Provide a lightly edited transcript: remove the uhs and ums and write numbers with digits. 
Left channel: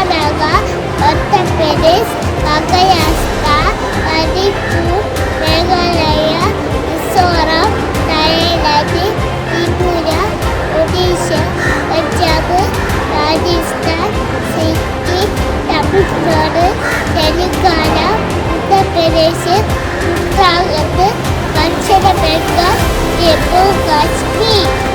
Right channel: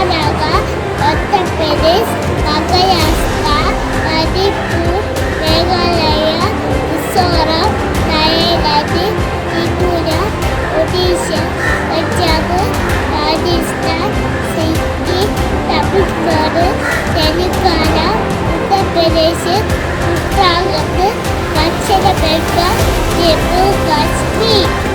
Karnataka, Uttar Pradesh, Maharashtra, Manipur, Meghalaya, Mizoram, Nagaland, Tripura, Odisha, Punjab, Rajasthan, Sikkim, Tamil Nadu, Telangana, Uttar Pradesh, Uttarakhand, Dakshina Bengal, Jammu Kashmir.